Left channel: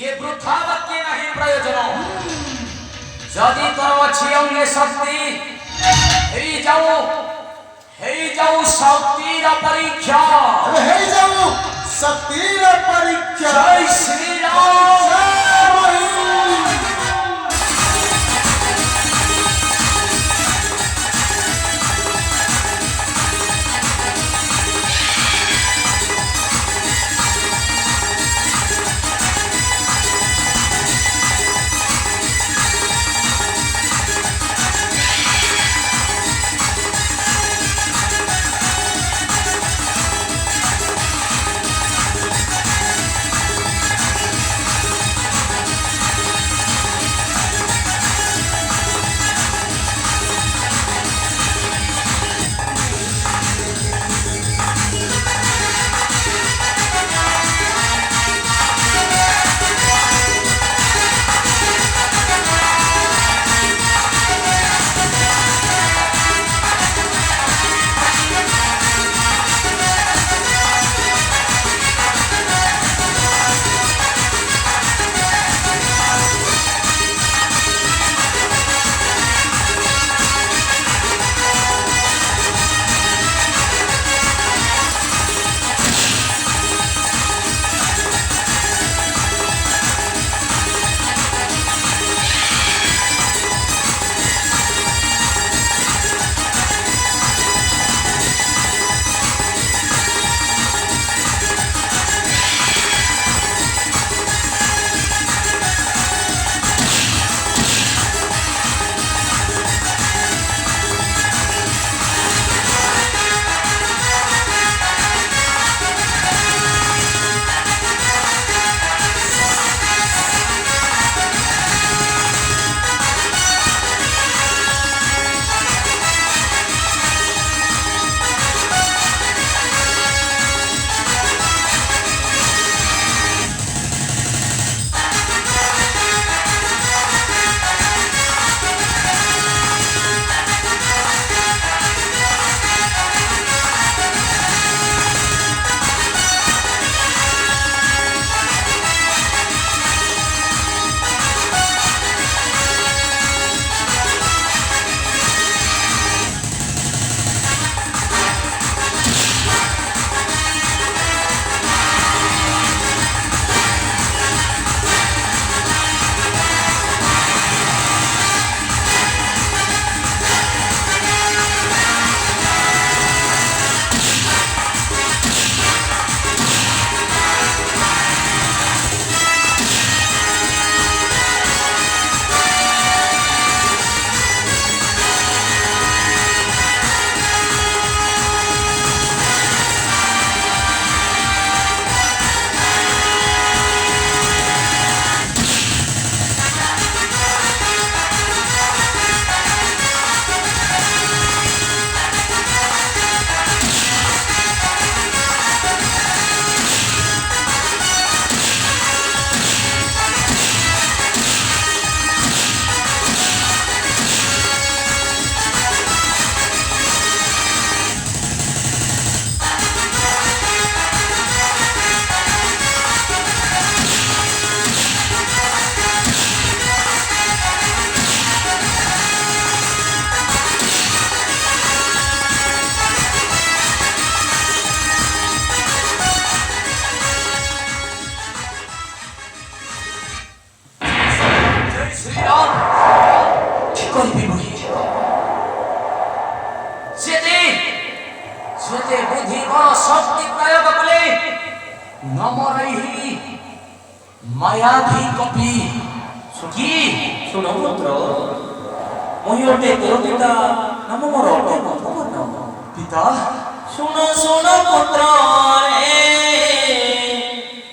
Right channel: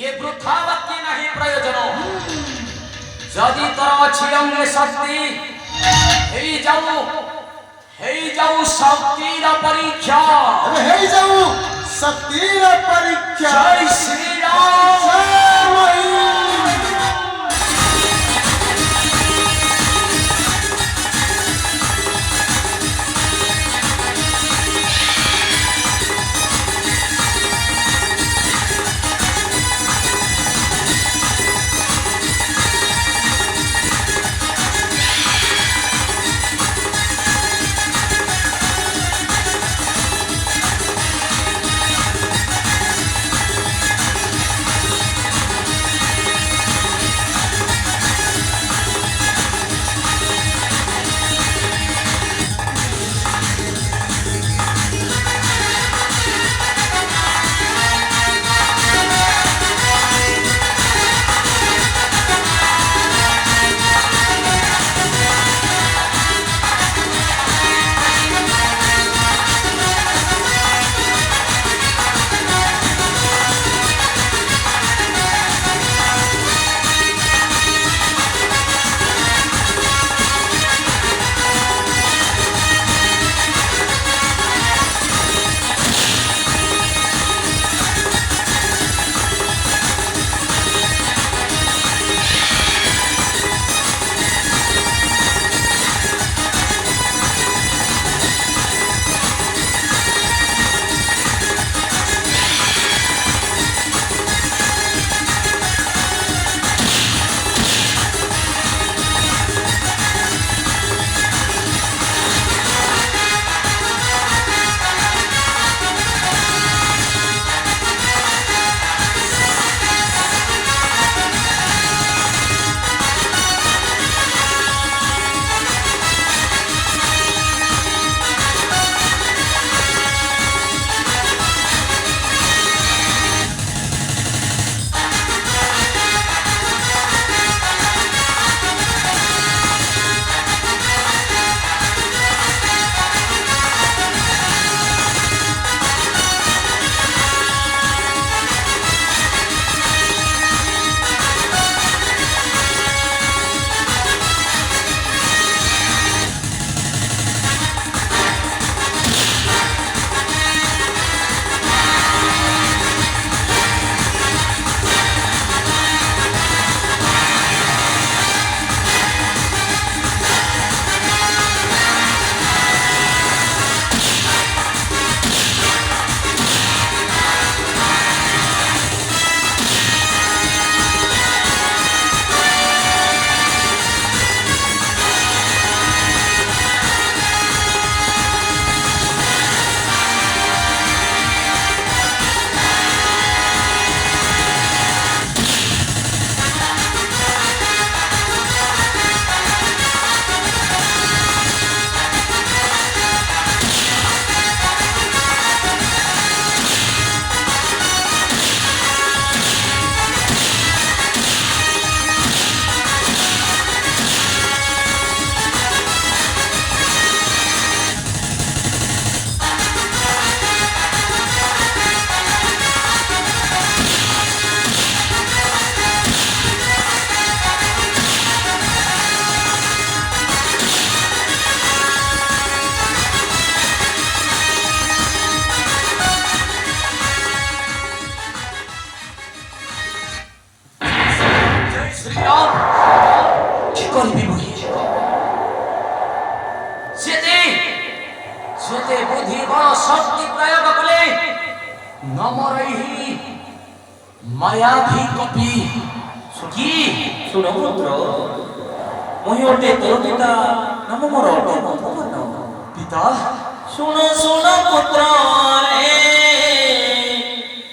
ये वृथा वाक्य नहीं प्रयोजन जदि तोर अछि अंगे शक्ति हे जाऊ शक्तिर परीक्षा हे जाऊ शक्तिर परीक्षा जय श्री राम सुते बुद्धि बड़ शक्ति प्रयोग कले नमरहि मायावी कपि सुखी सुनो पुत्र मोहिते तोरपिता नम मोर भगवान पिता सुनो सुनो पुत्र रे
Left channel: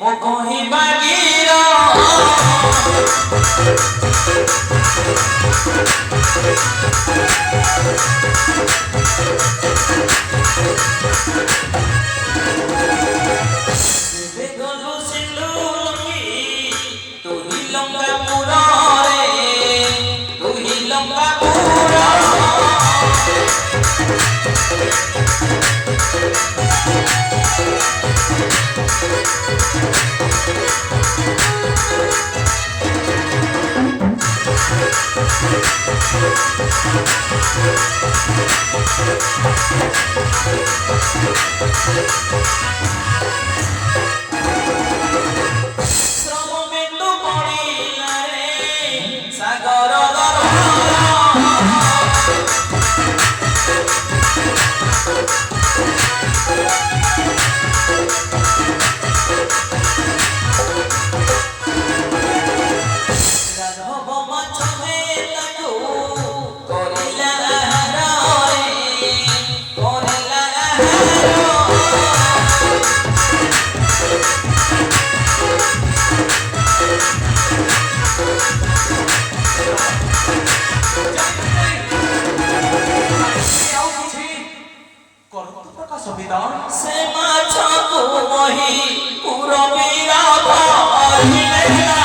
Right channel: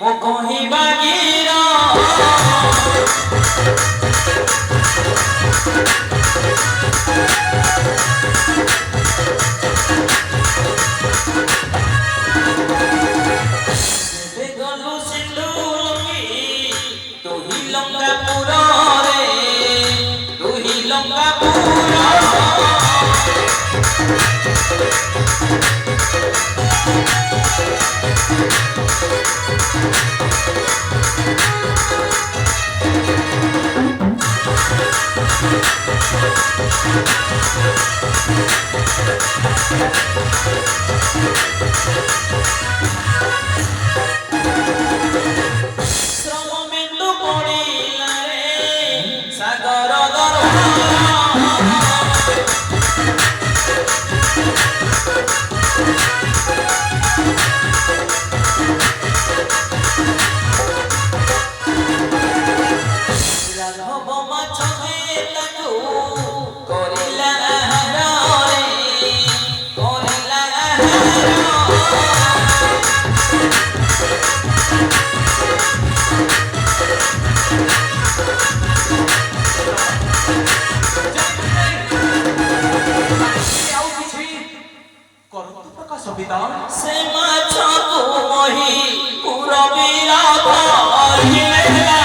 मो कहि बागीरा বেগলু সিন্ধু লঙ্গি তুহি লঙ্কা পুরা রে তুহি লঙ্কা পুরা শ্রম বিন্দু পড়িলা রে সাগর রাঘব মাছবে তাকু করিলা আহার রে করিলা ଆଉ କିଛି କରନ୍ତୁ ପ୍ରକାଶ ପିତା ସେ ମାଛକୁ ମହି ପୁରବୀର ଧରିଲେ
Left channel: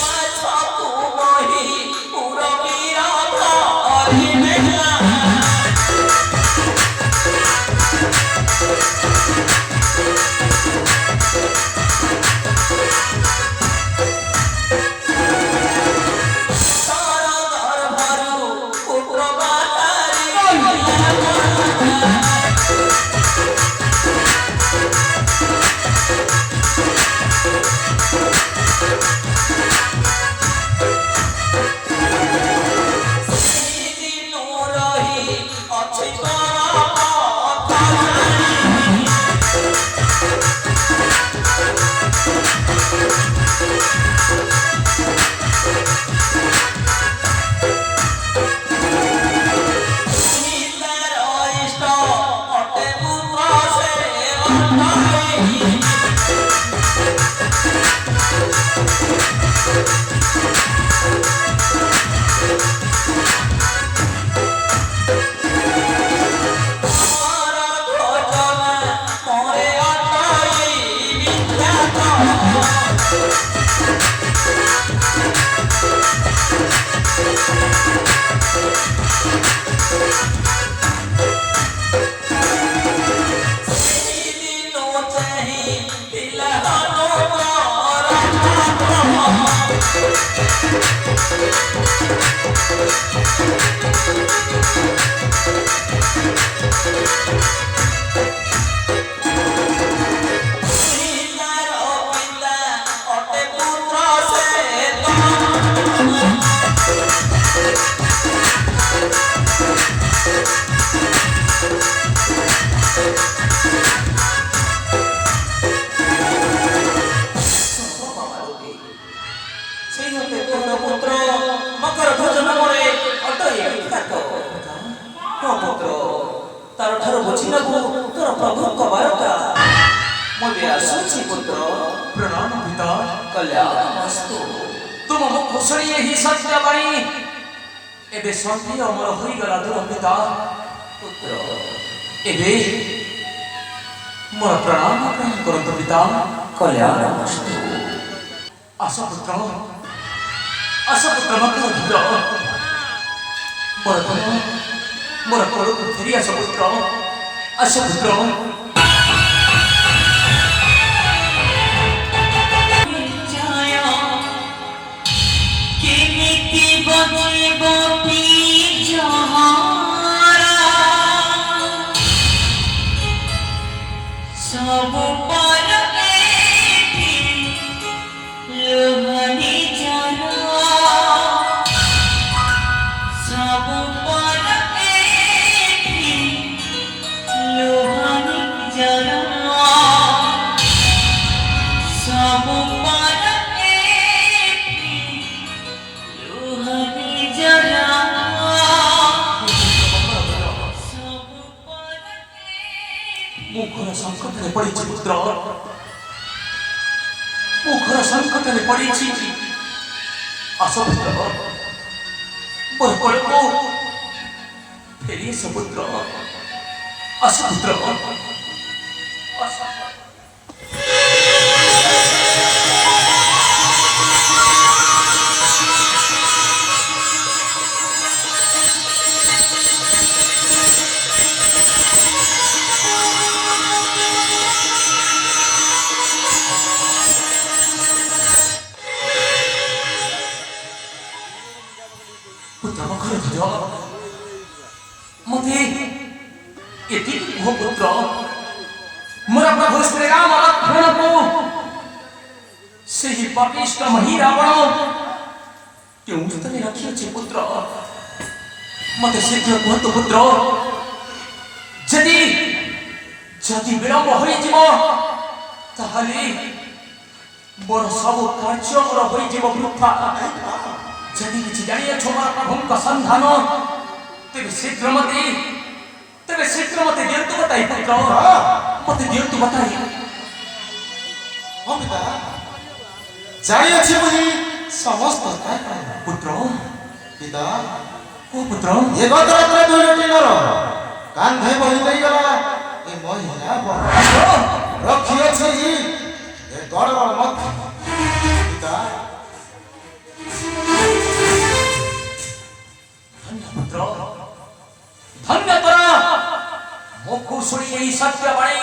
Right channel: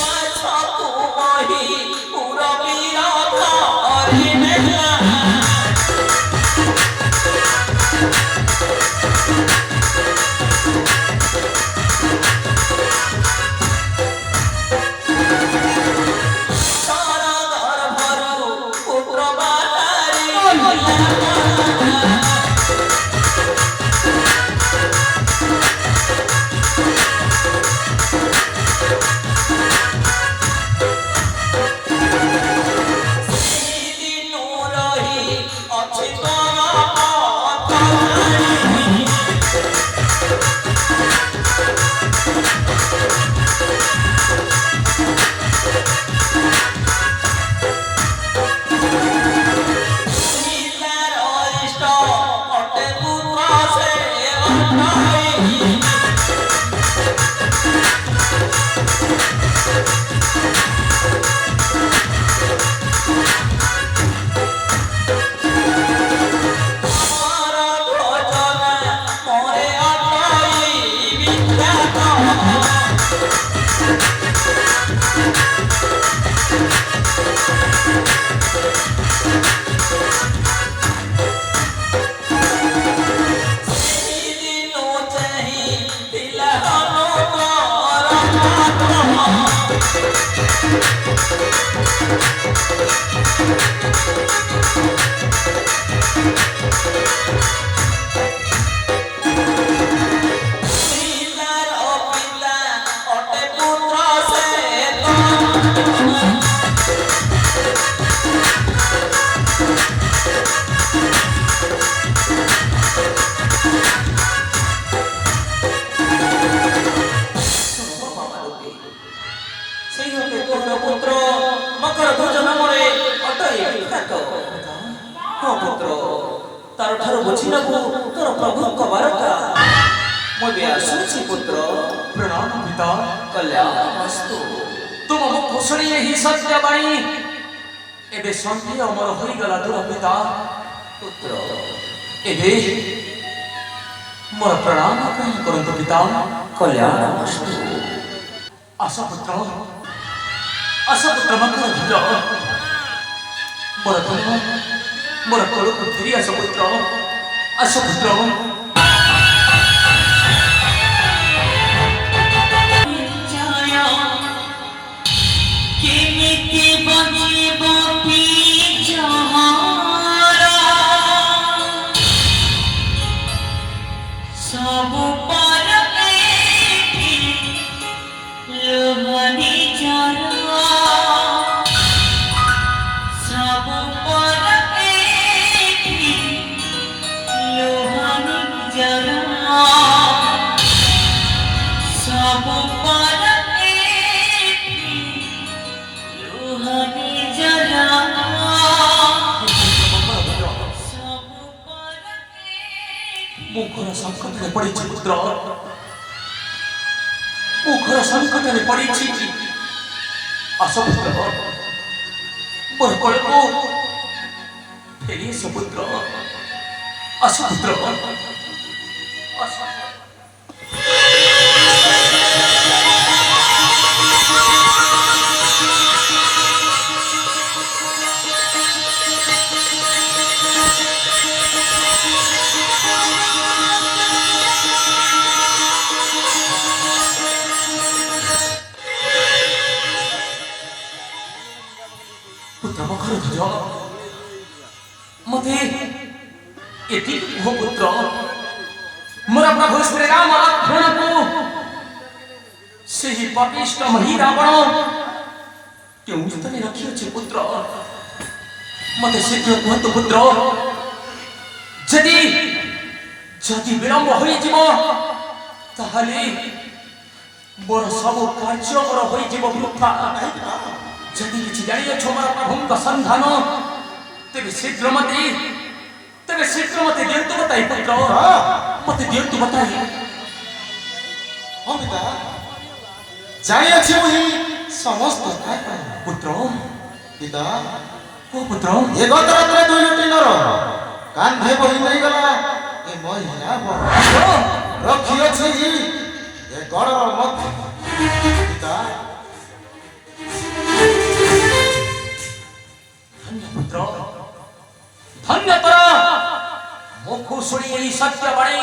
ମାଛକୁ ମହି ପୁରବୀର ଧରିଲେ ସାରା ଗର୍ଭରୁ ପୁତ୍ର ବାହାରି ଦିନୁ ରହି ଅଛି ପିଲାର ଇଷ୍ଟ ଅଟେ ପୁତ୍ର ସେ মরে আটাই দিনু চাহি দিলা পিলার পিলা অটে পুত্র সে সেই হতে পুত্র মকর ভোজন করে অটই বিখ্যাত ହଁ ପୁତ୍ର ତାର ଠାରୁ ବୁଝିବାକୁ ତୋର ପ୍ରଭୁଙ୍କ ବାରଟା ମୁଁ ବି ଆସୁଛି ପୁତ୍ର ପ୍ରଣାମ ପିତା କଲ୍ୟାଣମସ୍ତୁ ତୁମ କୁଶଳୀ ଏହି ସତ୍ୟବାଣୀ ଏବେ ସତ୍ୟ ଅମର ହୋଇଗଲା ତୁମ ପିତା ପୁତ୍ର ଏବେ ମୋର ପ୍ରଣାମ ଗ୍ରହଣ କରନ୍ତୁ ପିତା କଲ୍ୟାଣମସ୍ତୁ ଆସ ପୁତ୍ର ମକର ଧ୍ୱଜ ମୋର କୋଳକୁ ଫେରି ଆସ ପୁତ୍ର କେମିତି ବଞ୍ଚିବ ପିଛହରା ସବୁ ପର ଲୁହନି ଚାର ସବୁ ପର ଲୁହନି ମୁଁ ଘର ସଂକଟରେ ପଡ଼ିଛି। ଆସ ପୁତ୍ର, ମୋର କୋଳକୁ ଫେରି ଆସ ପୁତ୍ର, ଆସ ପୁତ୍ର, ଆସ। पुत्र मखर ध्वज मते यदि वो पुत्र मोरा प्रभु श्री राम लक्ष्मण को से ही पापिष्ट मही रावण क्यों तने रखी अछि पुत्र मते शीघ्र कहत पुत्र जदि विलंब होई जीवो ताहले मोर सब कार्य होई जीवो वृथा। जदि किसी जानिए छोमा प्रभुंक संधान तेरे शीघ्र मते दियंतु बताई पुत्र मते दियंतु बताई। हाँ पिता जानी अच्छी मुझे समस्त पुत्र पिता ओ पुत्र ये गत रात्रे दुईटी नर कांधे बही नहीं गला ये महिला रखी अच्छी ये गौरव मत पिता पुत्र धन्य कर मुखु शुणी यही सत्य बाणी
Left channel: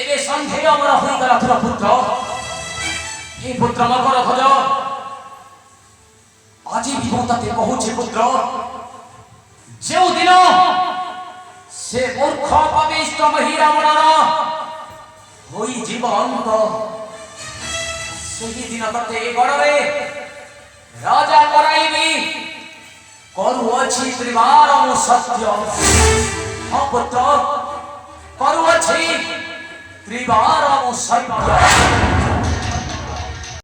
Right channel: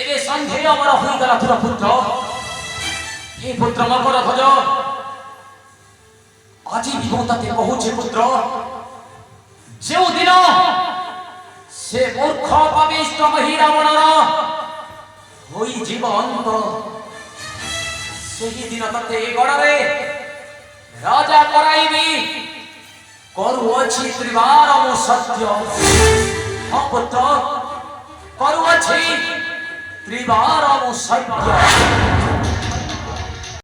एवे संधेय अमर होई गला तुर पुत्र हे पुत्र मकर ध्वज आज भी मु तते कहूचे पुत्र जो दिन से मूर्ख पविष्ट मही रावण होई जीवन सेही दिन तते गड़े राजा कराइबी करुअछि त्रिवार सत्य। हाँ पुत्र करुअछि त्रिवार सत्य।